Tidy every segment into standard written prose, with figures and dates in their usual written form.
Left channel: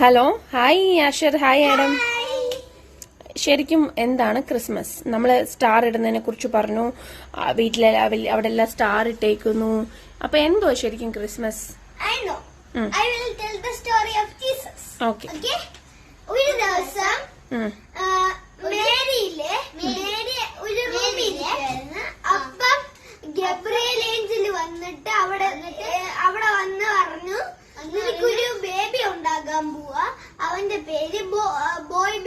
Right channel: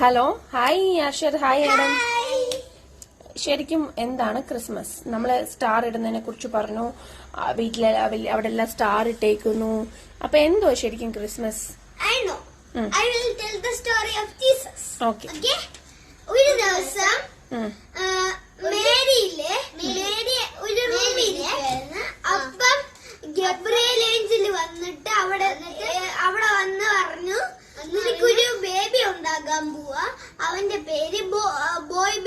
Hello, hi Asher, hi Adam. ശരിക്കും എന്താണ് Christmas? നമ്മൾ സ്റ്റാർ ഇടുന്നതിനെ കുറിച്ച് പറഞ്ഞു. വീട്ടിലെ അവിടെ എല്ലാം സ്റ്റാർ ഇട്ടേക്കുന്നു. അപ്പൊ എന്തോ ശരിക്കും ക്രിസ്മസ്? ഒരു ദിവസം മേരിയിലെ ഒരു റൂമില് അപ്പം ഗബ്രിയേൽ ഏഞ്ചൽ വന്നിട്ട് അവിടെ വന്ന് പറഞ്ഞു, നിനക്കൊരു ബേബി ഉണ്ടാകാൻ പോവാ. അവന്റെ പേര് ബോയ്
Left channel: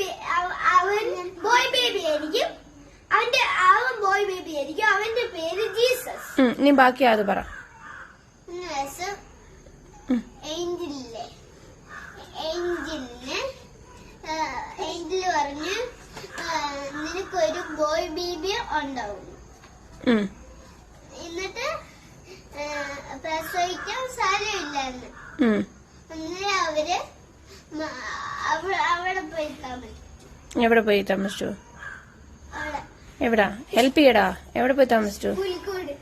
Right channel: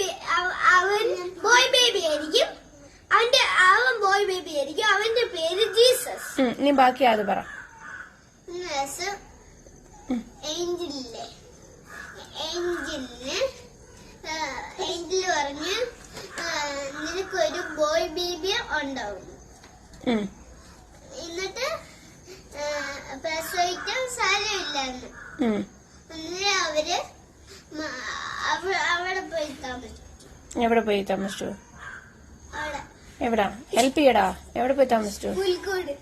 ബേബി ആയിരിക്കും. അവൻ ബോയ് ബേബി ആയിരിക്കും. അവന്റെ പേര് ജീസസ്. നീ ബാക്കി അത് പറ. ഏഞ്ചല് പറഞ്ഞ് നിനക്കൊരു ബോയ് ബേബി ഉണ്ടാവും. എന്നിട്ട് പ്രസവിക്കാൻ സ്ഥലമില്ലാന്ന് അവര് അവിടെ പോയി താമസിച്ചു. എവിടെ പോയി താമസിച്ചു? എവിടാ? ഹെൽപ്പ് ചെയ്യടാ. എവിടെ പോയി താമസിച്ചു? പുൽക്കൂട്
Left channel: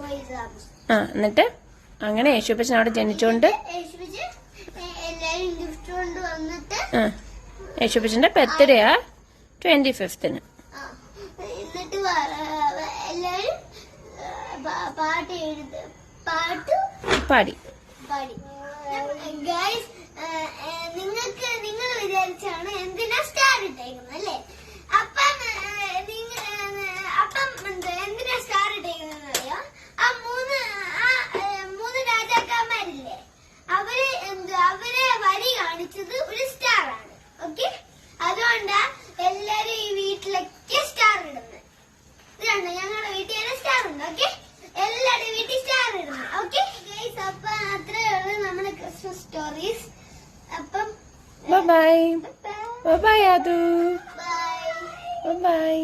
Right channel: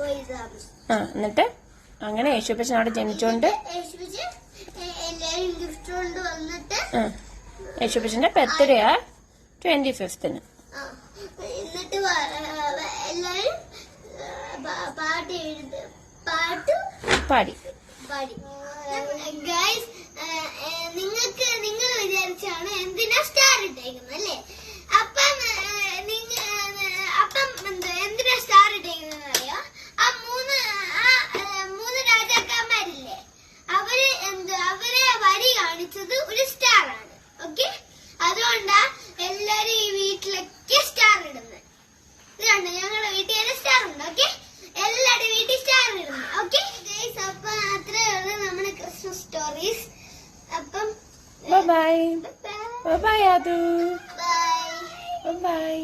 പോയി താമസിച്ചു. എന്നിട്ട് അങ്ങനെ യേശുപ്പച്ചൻ അവിടെ ജനിച്ചോണ്ട് എല്ലാരും ഗിഫ്റ്റ് കൊണ്ട് വന്നിട്ട് യേശുപ്പച്ചന്റെ ബർത്ത്ഡേയാ 25th. എന്നിട്ട് എല്ലാരും പാടി. ഗൈസ്, നിങ്ങൾ വിചാരിച്ചാണ് എന്തിനാ സ്റ്റാർ ഇട്ടേക്കുന്നത് അല്ലേ? അപ്പം എന്തിനാ സ്റ്റാർ ഇട്ടേക്കുന്നത് അറിയോ? ആ മൂന്ന് രാജാക്കന്മാരില്ലേ, അവരെ വഴി കാണിച്ചത് ഒരു സ്റ്റാർ ആണ്. ഓക്കെ, അതുകൊണ്ടാ എല്ലാരും ഈ വീട്ടിലൊക്കെ സ്റ്റാർ ഇടുന്നത്. ഇതുണ്ട്, ഞങ്ങളുടെ വീട്ടിൽ തന്നെ സ്റ്റാർ ഉണ്ട്. ഓക്കെ, എല്ലാവരുടെ വീട്ടിൽ സ്റ്റാർ ഇടുന്നത്. ഓക്കെ ഗൈസ്, അപ്പൊ അത്രയുള്ള നമ്മുടെ ക്രിസ്മസ് സ്റ്റോറീസ്. അപ്പം bye bye. Bye bye Aadu. Bye by.